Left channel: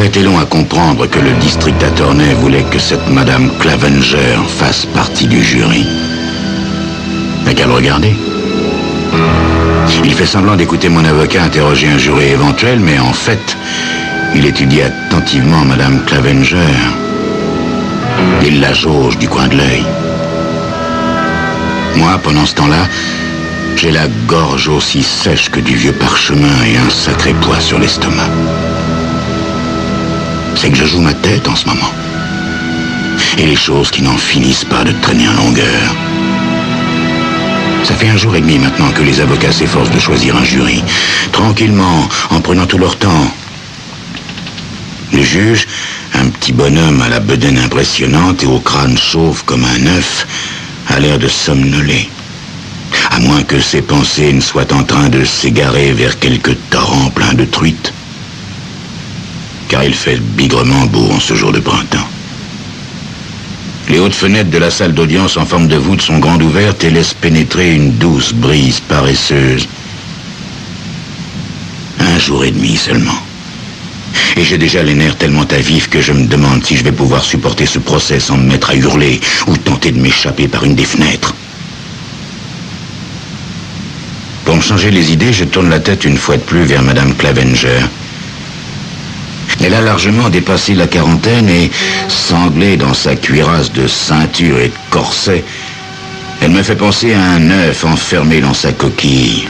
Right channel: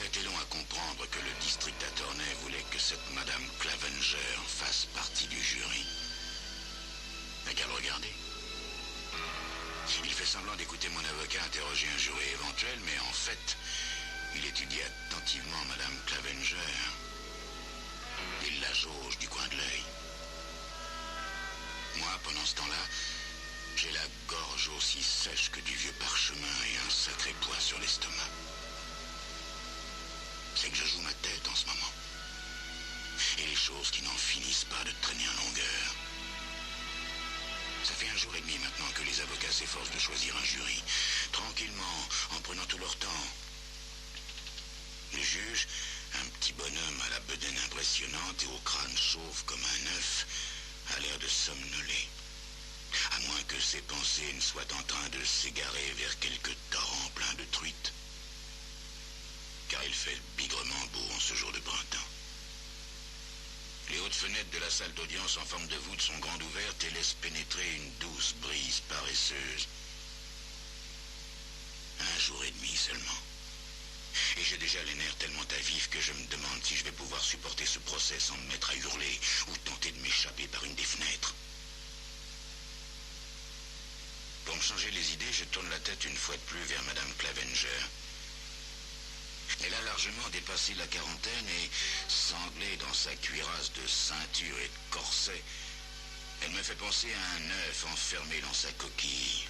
pas été long à comprendre que le district attorney voulait que cette Madame Clavenger fasse partie du jury. N'a qu'à le regarder. Il fait semblant d'écouter mon avocat interroger un jury éventuel, mais en fait, il étudie attentivement Madame Clavenger. Il la jauge du coin de l'œil. Moi, pendant ce temps-là, j'ai la gorge aussi sèche que du vieux parchemin et un sacré poids sur l'estomac. C'est que je joue ma tête en ce moment. Et les choses qui n'en finissent pas de traîner en longueur. Ça fait 1 jour et demi maintenant que les avocats s'efforcent de choisir un jury. Tranquillement, en prenant tout leur temps. Le juge, un petit bonhomme à la bedaine impressionnante et au crâne chauve comme un œuf, a l'air de somnoler. À moins que ses pensées ne soient en train de s'égarer vers quelque torrent plein de truites. Car il fait bigrement beau en ce jour de printemps. Les hautes fenêtres de la salle d'audience en forme de voûte sont grandes ouvertes et laissent pénétrer une douce brise paresseuse. 1 jour et demi seulement. Et j'ai déjà les nerfs tellement à vif que je me demande si je vais pouvoir supporter ce procès sans me mettre à hurler ou tenter de m'échapper par une des fenêtres. Pour me changer les idées, je tourne la tête une fois de plus vers Madame Clavenger. Elle a largement dépassé la quarantaine et, sanglée dans sa cuirasse de ceinture et de corset, elle me fait penser à un œuf enfermé dans sa coquille.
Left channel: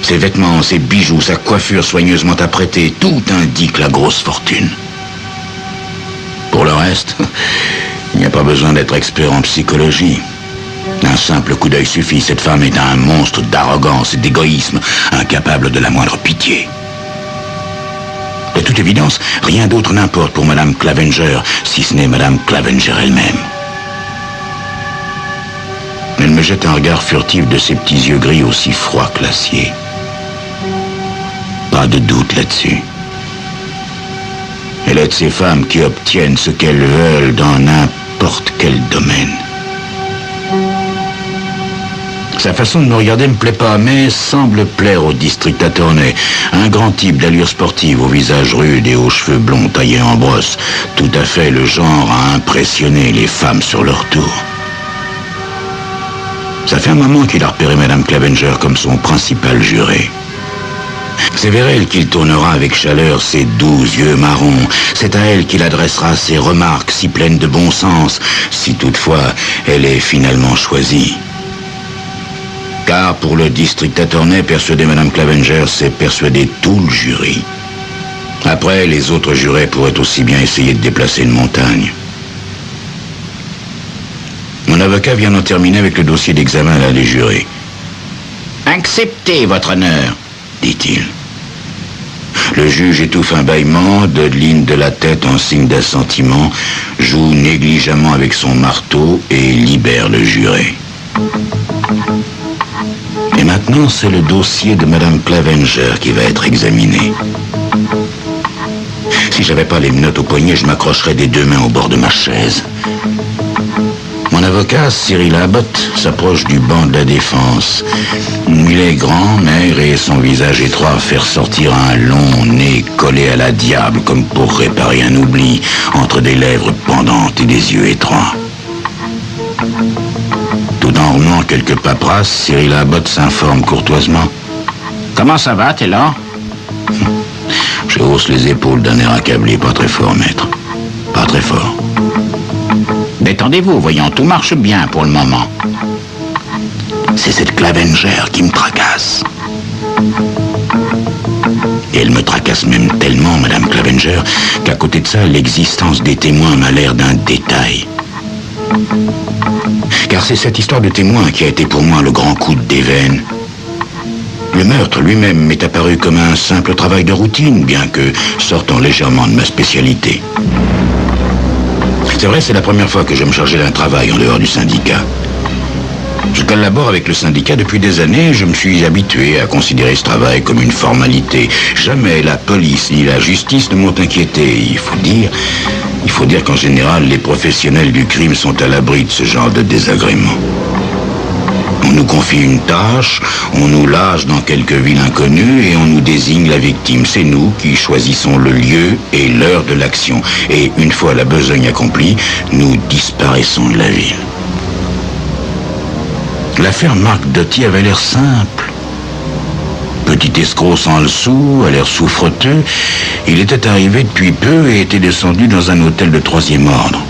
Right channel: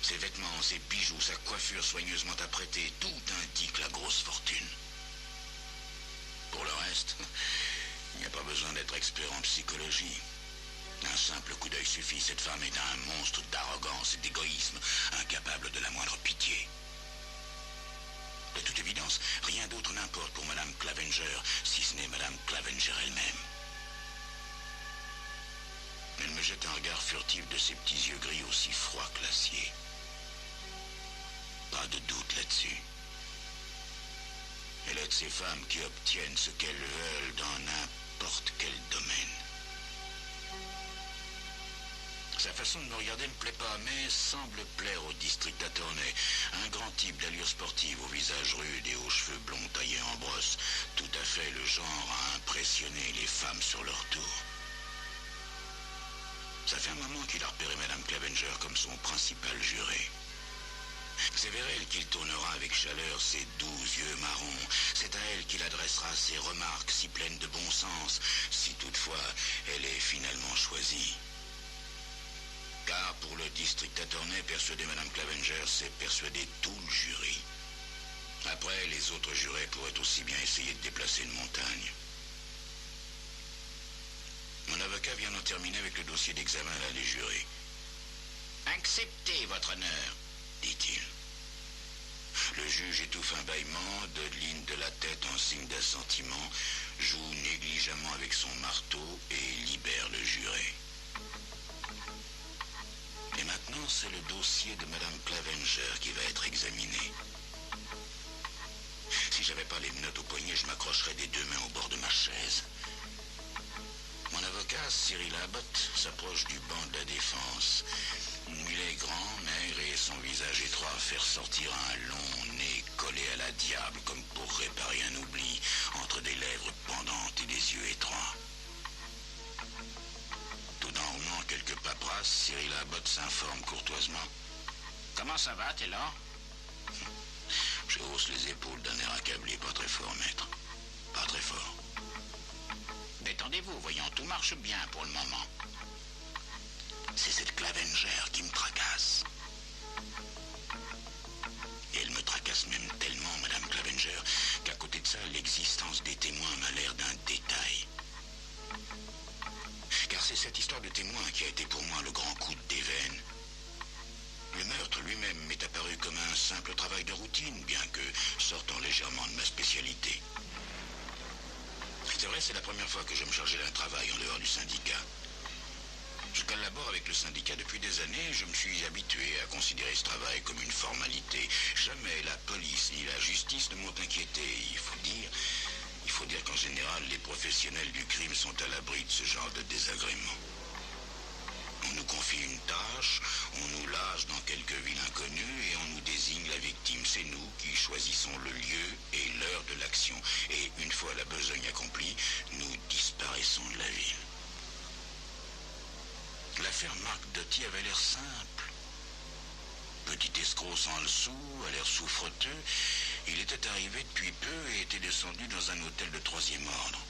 Ses vêtements, ses bijoux, sa coiffure soigneusement apprêtée, tout indique la grosse fortune. Pour le reste, il n'y a pas besoin d'être expert en psychologie. Un simple coup d'œil suffit, cette femme est un monstre d'arrogance et d'égoïsme, incapable de la moindre pitié. De toute évidence, rien d'autre n'importe pour Madame Clavenger, si ce n'est Madame Clavenger elle-même. Elle me jette un regard furtif de ses petits yeux gris aussi froids que l'acier. Pas de doute là-dessus. Elle est de ces femmes qui obtiennent ce qu'elles veulent dans n'importe quel domaine. Sa façon de me regarder me plaît pas, mais semble plaire au district attorney. Un grand type d'allure sportive, au visage rude et aux cheveux blonds taillés en brosse. Tout à fait le genre à impressionner les femmes sur leur tour. Ça fait un moment qu'il a repéré Madame Clavenger comme son principal juré. C'est vers elle qu'il tournera avec chaleur ses doux yeux marrons. C'est à elle qu'il adressera ses remarques si pleines de bon sens, si toutefois elle est finalement choisie. Car pour le district attorney, persuader Madame Clavenger, c'est persuader tout le jury. Après, les autres jurés pourraient aussi bien essayer de déplacer une montagne. Mon avocat vient d'en terminer avec le dossier d'examen là des jurés. « Acceptez, votre honneur », dit-il. Le juge étouffe un bâillement, dodeline de la tête en signe d'assentiment, joue négligemment avec son marteau et libère le juré. Et maintenant, c'est le dossier de Madame Clavenger qui va être examiné. Si j'avais pas les menottes au poignet, je m'accrocherais des 2 mains au bord de ma chaise. Mon avocat, Cyril Abbott, s'approche du banc de la défense. Il est grand, maigre et son visage étroit fait ressortir un long nez collé à la diable comme pour réparer un oubli entre des lèvres pendantes et des yeux étroits. Tout en remuant quelques paperasses, Cyril Abbott s'informe courtoisement. « Comment ça va, t'es là ?» Je hausse les épaules d'un air accablé. « Pas très fort, maître. Pas très fort. » « Détendez-vous, voyons, tout marche bien pour le moment. » C'est cette Clavenger qui me tracasse. Et elle me tracasse même tellement, Madame Clavenger, qu'à côté de ça, l'existence des témoins m'a l'air d'un détail. Car c'est cette histoire de témoin qui a été pour moi le grand coup de déveine. Le meurtre lui-même m'est apparu comme un simple travail de routine, bien que sortant légèrement de ma spécialité. C'est vrai, c'est la première fois que je me chargeais d'un travail en dehors du syndicat. Je collabore avec le syndicat depuis des années et je me suis habitué à considérer ce travail comme une formalité. Jamais la police ni la justice ne m'ont inquiété. Il faut dire qu'en général, les professionnels du crime sont à l'abri de ce genre de désagréments. On nous confie une tâche, on nous lâche dans quelque ville inconnue et on nous désigne la victime. C'est nous qui choisissons le lieu et l'heure de l'action. Et une fois la besogne accomplie, nous disparaissons de la ville. L'affaire Marc Doty avait l'air simple. Petit escroc sans le sou, à l'air souffreteux, il était arrivé depuis peu et était descendu dans un hôtel de 3e ordre.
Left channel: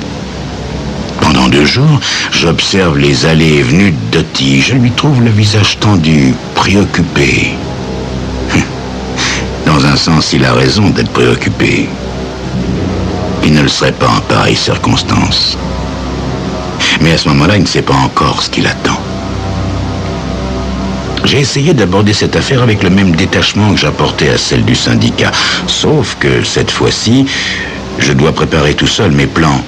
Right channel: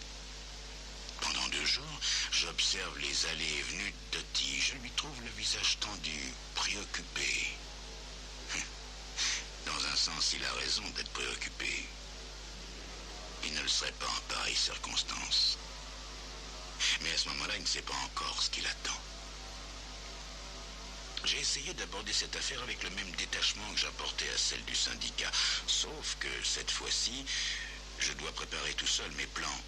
Pendant 2 jours, j'observe les allées et venues de Doty. Je lui trouve le visage tendu, préoccupé. Dans un sens, il a raison d'être préoccupé. Il ne le serait pas en pareille circonstance. Mais à ce moment-là, il ne sait pas encore ce qu'il attend. J'ai essayé d'aborder cette affaire avec le même détachement que j'apportais à celle du syndicat. Sauf que, cette fois-ci, je dois préparer tout seul mes plans,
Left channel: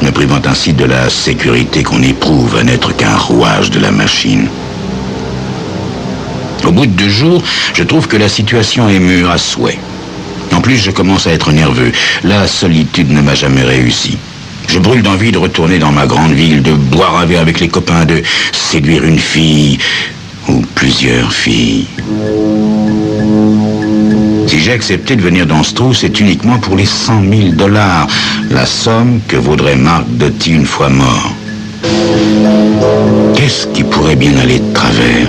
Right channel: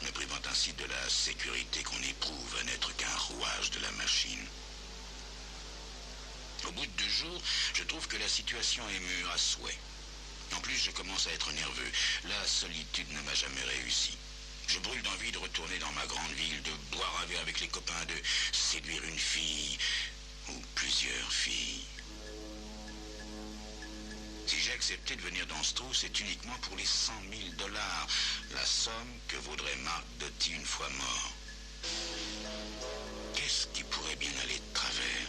me privant ainsi de la sécurité qu'on éprouve à n'être qu'un rouage de la machine. Au bout de 2 jours, je trouve que la situation est mûre à souhait. En plus, je commence à être nerveux. La solitude ne m'a jamais réussi. Je brûle d'envie de retourner dans ma grande ville, de boire un verre avec les copains, de séduire une fille ou plusieurs filles. Si j'ai accepté de venir dans ce trou, c'est uniquement pour les $100 000, la somme que vaudrait Marc Doty une fois mort. Qu'est-ce qui pourrait bien aller de travers?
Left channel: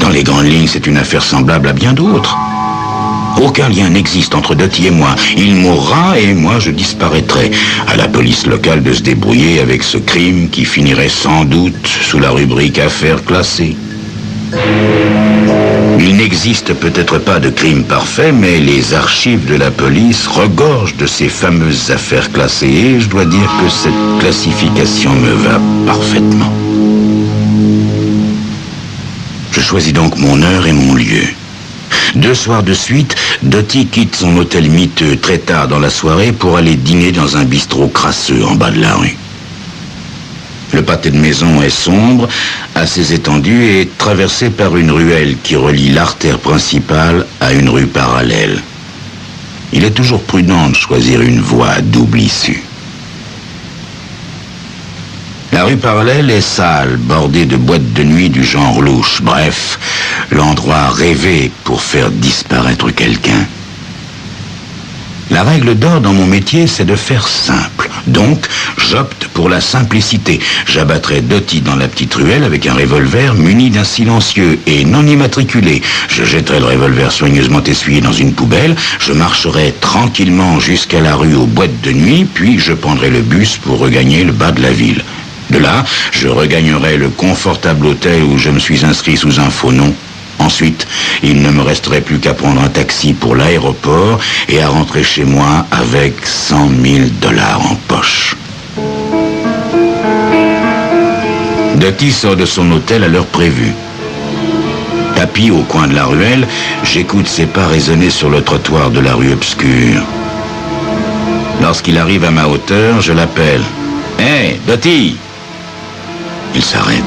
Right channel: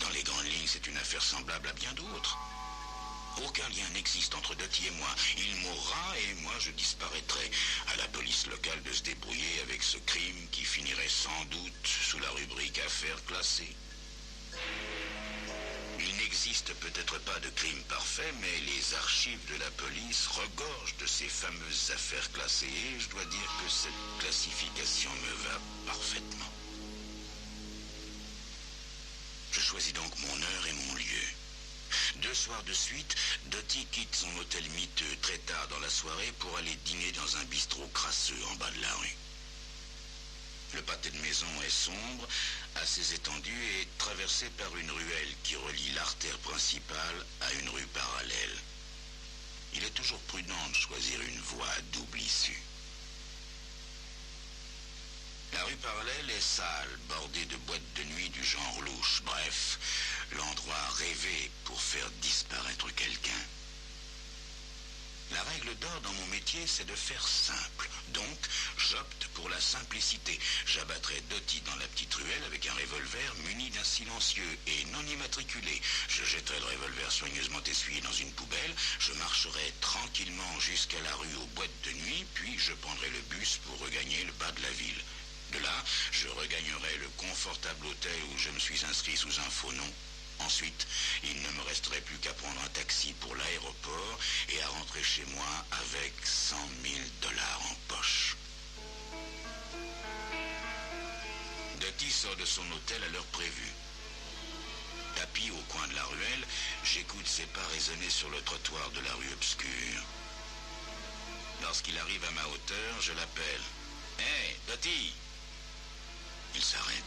Dans les grandes lignes, c'est une affaire semblable à bien d'autres. Aucun lien n'existe entre Doty et moi. Il mourra et moi je disparaîtrai. À la police locale de se débrouiller avec ce crime qui finirait sans doute sous la rubrique affaires classées. Il n'existe peut-être pas de crime parfait, mais les archives de la police regorgent de ces fameuses affaires classées et je dois dire que cette classification me va parfaitement. Je choisis donc mon heure et mon lieu. 2 soirs de suite, Doty quitte son hôtel miteux très tard dans la soirée pour aller dîner dans un bistrot crasseux en bas de la rue. Le pâté de maison est sombre, assez étendu et traversé par une ruelle qui relie l'artère principale à une rue parallèle. Il est toujours prudent de choisir une voie à double issue. La rue parallèle est sale, bordée de boîtes de nuit du genre louche. Bref, l'endroit rêvé pour faire disparaître quelqu'un. La règle d'or dans mon métier, c'est de faire simple. Donc, j'opte pour la simplicité. J'abattrai Doty dans la petite ruelle avec un revolver muni d'un silencieux et non immatriculé. Je jetterai le revolver soigneusement essuyé dans une poubelle. Je marcherai tranquillement jusqu'à la rue aux boîtes de nuit, puis je prendrai le bus pour regagner le bas de la ville. De là, je regagnerai le confortable hôtel où je me suis inscrit sous un faux nom. Ensuite, il ne me resterait plus qu'à prendre un taxi pour l'aéroport et à rentrer chez moi avec $100 000 en poche. Doty sort de son hôtel à l'heure prévue. Tapis au coin de la ruelle, j'écoute ses pas résonner sur le trottoir de la rue obscure. Lorsqu'il arrive à ma hauteur, je l'appelle. « Hé, Doty !» Il s'arrête.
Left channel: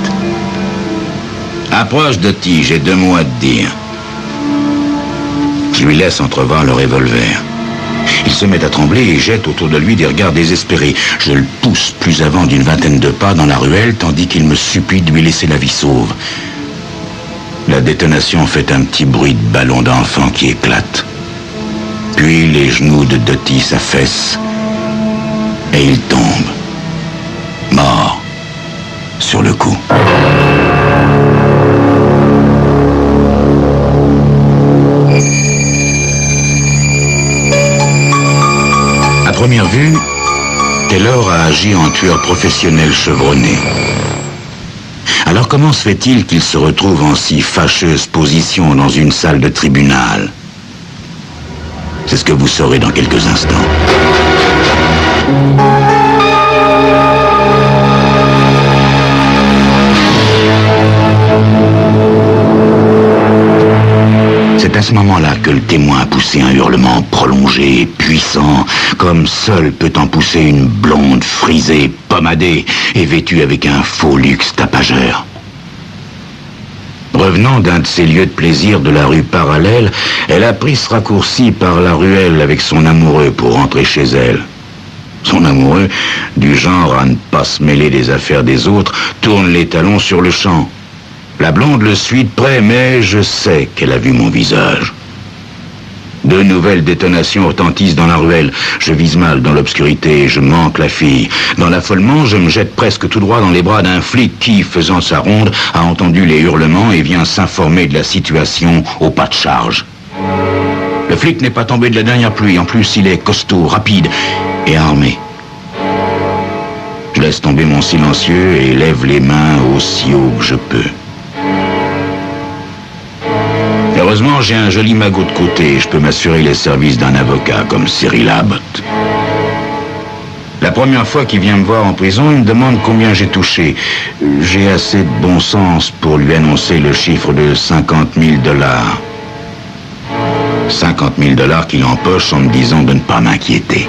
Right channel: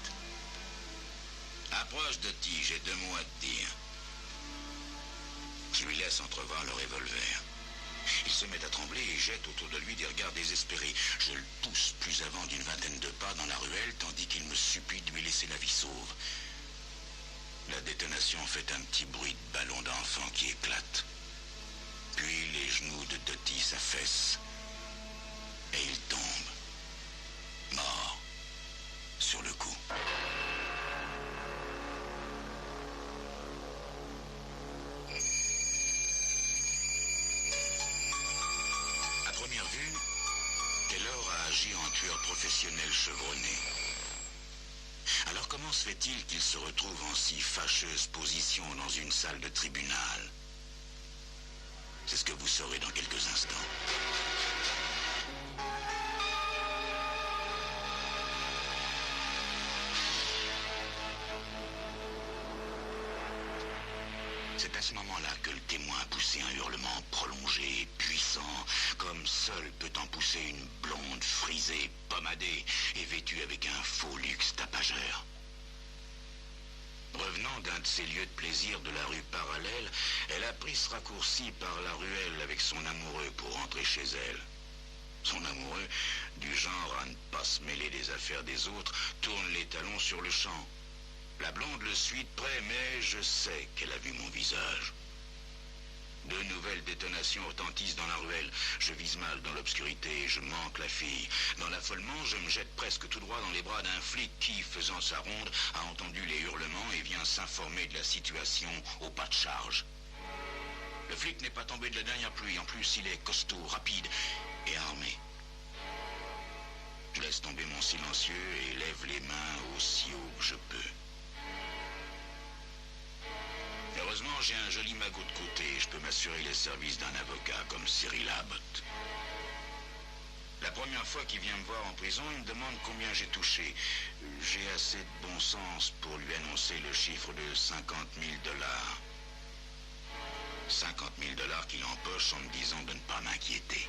Approche, Doty, j'ai 2 mots à te dire. Je lui laisse entrevoir le revolver. Il se met à trembler et jette autour de lui des regards désespérés. Je le pousse plus avant d'une 20aine de pas dans la ruelle, tandis qu'il me supplie de lui laisser la vie sauve. La détonation fait un petit bruit de ballon d'enfant qui éclate. Puis les genoux de Doty s'affaissent et il tombe, mort, sur le coup. À première vue, Taylor a agi en tueur professionnel chevronné. Alors comment se fait-il qu'il se retrouve en si fâcheuse position dans une salle de tribunal? C'est ce que vous saurez dans quelques instants. C'est à ce moment-là que le témoin a poussé un hurlement prolongé et puissant, comme seul peut en pousser une blonde frisée, pommadée et vêtue avec un faux luxe tapageur. Revenant d'un de ses lieux de plaisir de la rue parallèle, elle a pris ce raccourci par la ruelle avec son amoureux pour rentrer chez elle. Son amoureux, du genre à ne pas se mêler des affaires des autres, tourne les talons sur le champ. La blonde le suit de près, mais je sais qu'elle a vu mon visage. De nouvelles détonations retentissent dans la ruelle. Je vise mal dans l'obscurité, je manque la fille. Dans l'affolement, je me jette presque tout droit dans les bras d'un flic qui, faisant sa ronde, a entendu les hurlements et vient s'informer de la situation au pas de charge. Le flic n'est pas tombé de la dernière pluie. En plus, il est costaud, rapide et armé. Je laisse tomber mon silencieux et lève les mains aussi haut que je peux. Heureusement, j'ai un joli magot de côté et je peux m'assurer les services d'un avocat comme Cyril Abbott. La première fois qu'il vient me voir en prison, il me demande combien j'ai touché. J'ai assez de bon sens pour lui annoncer le chiffre de 50 000 $. 50 000 $ qu'il empoche en me disant de ne pas m'inquiéter.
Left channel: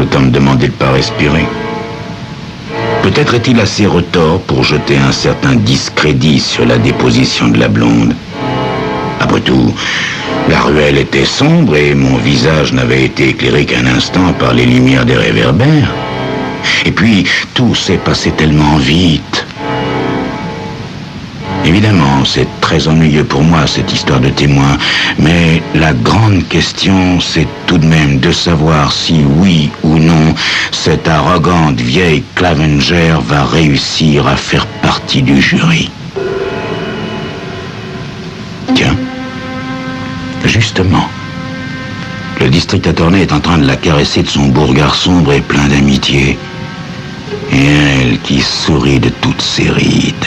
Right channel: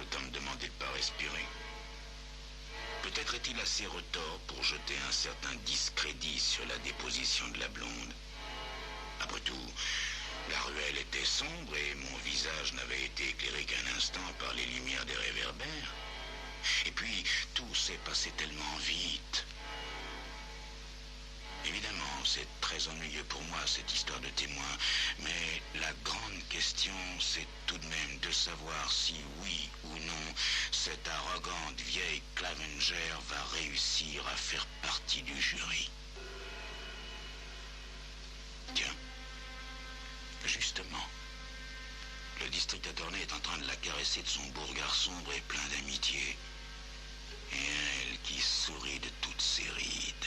Autant me demander de ne pas respirer. Peut-être est-il assez retors pour jeter un certain discrédit sur la déposition de la blonde. Après tout, la ruelle était sombre et mon visage n'avait été éclairé qu'un instant par les lumières des réverbères. Et puis, tout s'est passé tellement vite. Évidemment, c'est très ennuyeux pour moi, cette histoire de témoin, mais la grande question, c'est tout de même de savoir si, oui ou non, cette arrogante vieille Clavenger va réussir à faire partie du jury. Tiens, justement, le district attorney est en train de la caresser de son beau regard sombre et plein d'amitié. Et elle qui sourit de toutes ses rides.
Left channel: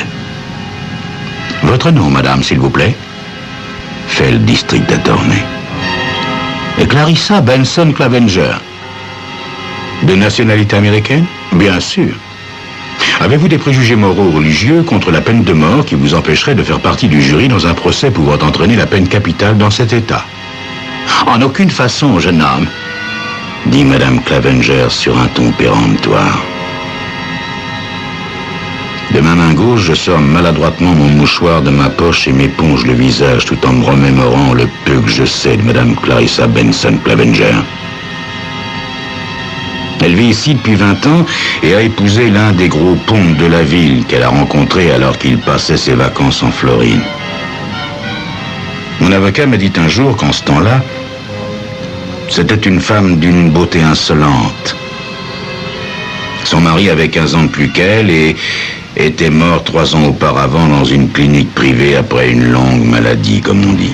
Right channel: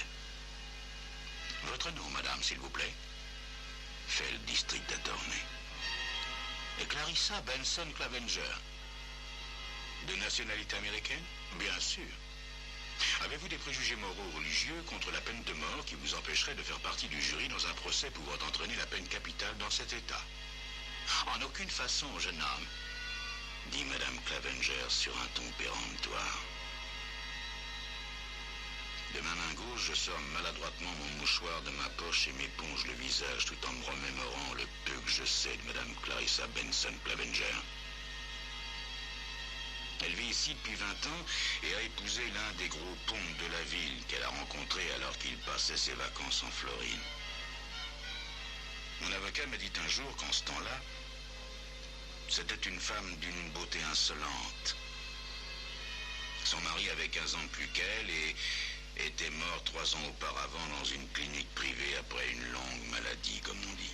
Votre nom, madame, s'il vous plaît? Fait le district attorney. Et Clarissa Benson Clavenger. De nationalité américaine? Bien sûr. Avez-vous des préjugés moraux ou religieux contre la peine de mort qui vous empêcherait de faire partie du jury dans un procès pouvant entraîner la peine capitale dans cet État? En aucune façon, jeune homme, dit madame Clavenger sur un ton péremptoire. De ma main gauche, je sors maladroitement mon mouchoir de ma poche et m'éponge le visage tout en me remémorant le peu que je sais de madame Clarissa Benson Clavenger. Elle vit ici depuis 20 ans et a épousé l'un des gros pontes de la ville qu'elle a rencontré alors qu'il passait ses vacances en Floride. Mon avocat m'a dit un jour qu'en ce temps-là, c'était une femme d'une beauté insolente. Son mari avait 15 ans de plus qu'elle et était mort 3 ans auparavant dans une clinique privée après une longue maladie, comme on dit.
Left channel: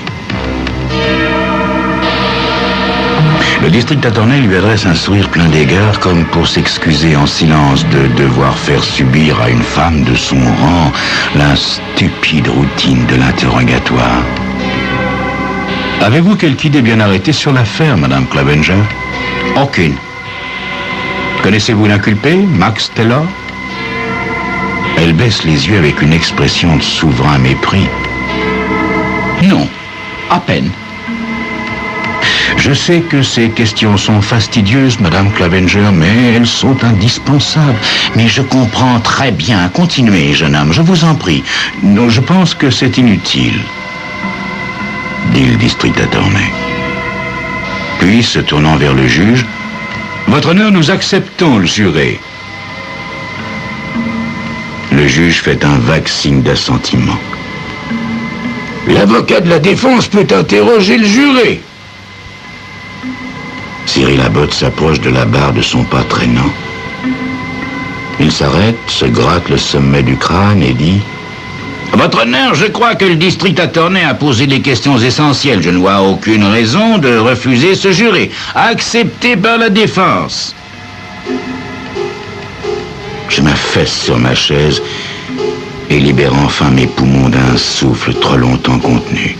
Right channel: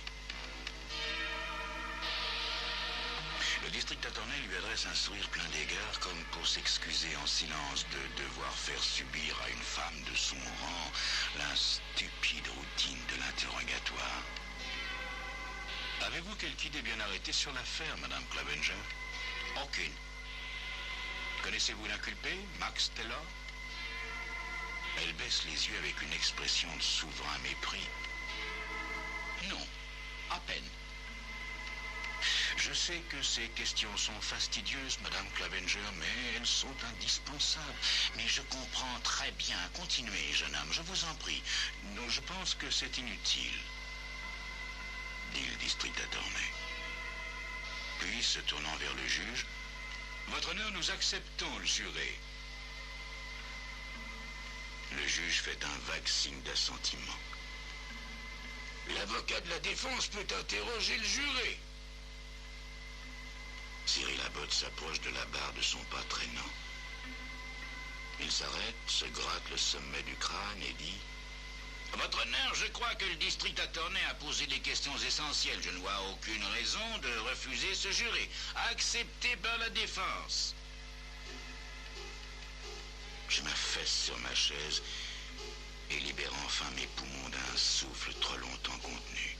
Le district attorney lui adresse un sourire plein d'égards, comme pour s'excuser en silence de devoir faire subir à une femme de son rang la stupide routine de l'interrogatoire. Avez-vous quelque idée bien arrêtée sur l'affaire, madame Clavenger? Aucune. Connaissez-vous l'inculpé, Max Taylor? Elle baisse les yeux avec une expression de souverain mépris. Non, à peine. Je sais que ces questions sont fastidieuses, madame Clavenger, mais elles sont indispensables. Mais je comprends très bien. Continuez, jeune homme, je vous en prie. Non, je pense que c'est inutile, dit le district attorney. Puis, se tournant vers le juge, votre honneur, nous acceptons le juré. Le juge fait un vague signe d'assentiment. L'avocat de la défense peut interroger le juré. Cyril Abbott s'approche de la barre de son pas traînant. Il s'arrête, se gratte le sommet du crâne et dit « Votre honneur, je crois que le district attorney a posé des questions essentielles. Je ne vois aucune raison de refuser ce juré. Accepté par la défense. » Je m'affaisse sur ma chaise et libère enfin mes poumons d'un souffle trop longtemps contenu.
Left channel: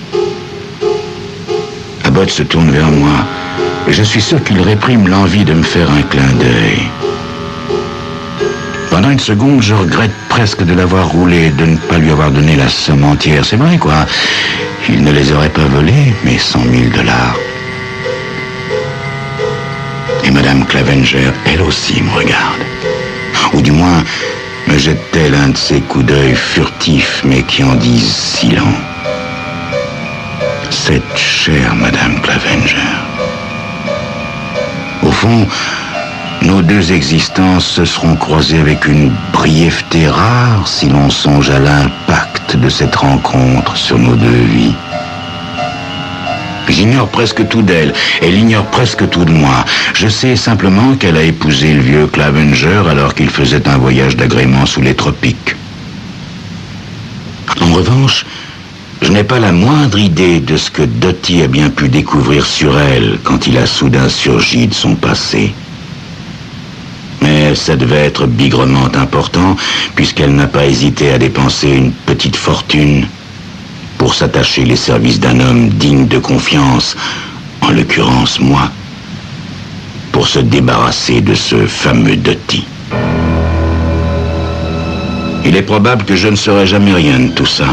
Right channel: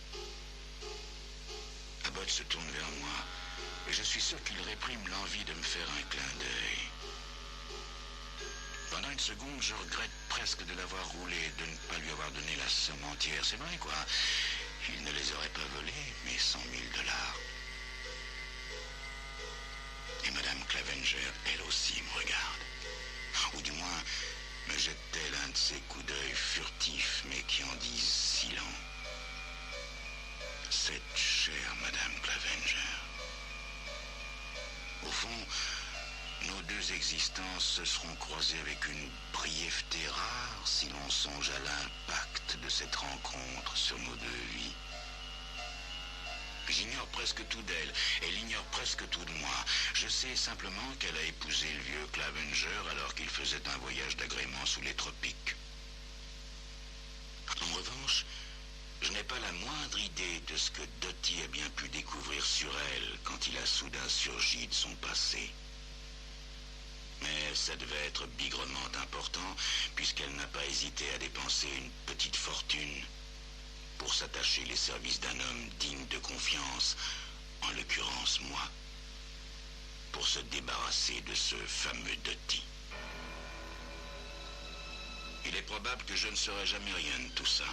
Abbott se tourne vers moi et je suis sûr qu'il réprime l'envie de me faire un clin d'œil. Pendant une seconde, je regrette presque de l'avoir roulé et de ne pas lui avoir donné la somme entière. C'est vrai, quoi. Il ne les aurait pas volés, mes 100 000 $. Et madame Clavenger, elle aussi, me regarde. Ou du moins, me jette-t-elle un de ces coups d'œil furtifs, mais qui en disent si long. Cette chère madame Clavenger. fond, nos deux existences se seront croisées avec une brièveté rare si l'on songe à l'impact de cette rencontre sur nos deux vies. J'ignore presque tout d'elle, elle ignore presque tout de moi. Je sais simplement qu'elle a épousé le vieux Clavenger alors qu'il faisait un voyage d'agrément sous les tropiques. En revanche, je n'ai pas la moindre idée de ce que Dottie a bien pu découvrir sur elle quand il a soudain surgi de son passé. Mais ça devait être bigrement important, puisqu'elle n'a pas hésité à dépenser une petite fortune pour s'attacher les services d'un homme digne de confiance, en l'occurrence moi, pour se débarrasser de ce fameux Dottie. Il est probable que je ne saurai jamais rien de tout ça.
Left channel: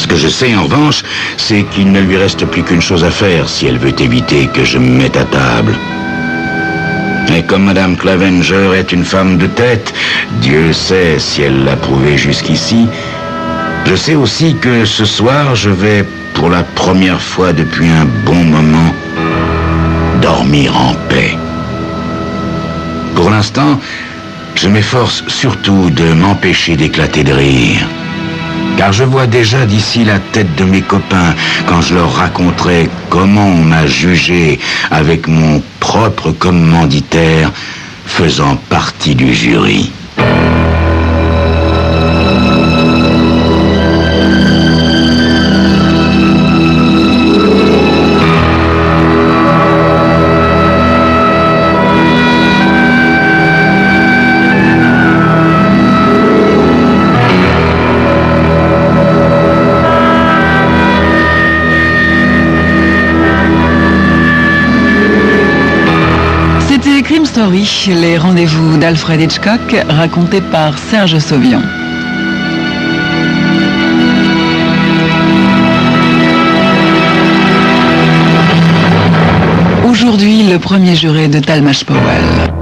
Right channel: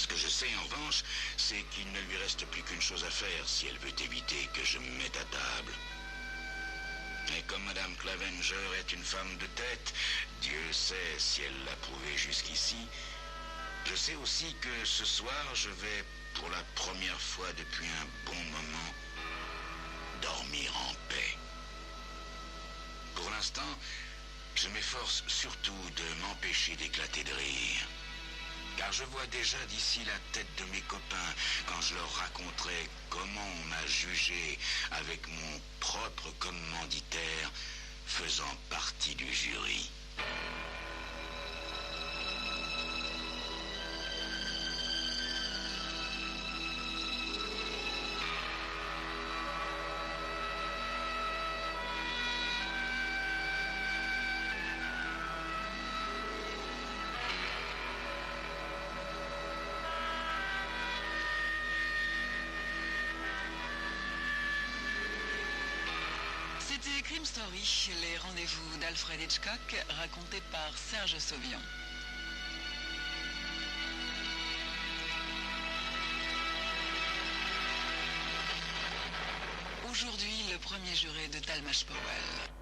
Ce que je sais, en revanche, c'est qu'il ne lui reste plus qu'une chose à faire si elle veut éviter que je me mette à table. Et comme Madame Clavenger est une femme de tête, Dieu sait si elle l'a prouvé jusqu'ici, je sais aussi que ce soir, je vais, pour la première fois depuis un bon moment, dormir en paix. Pour l'instant, je m'efforce surtout de m'empêcher d'éclater de rire. Car je vois déjà d'ici la tête de mes copains quand je leur raconterai comment on m'a jugé avec mon propre commanditaire faisant partie du jury. Crime Story, les rendez-vous d'Alfred Hitchcock, racontés par Serge Sauvian. Aujourd'hui, le premier juré de Talmadge Powell.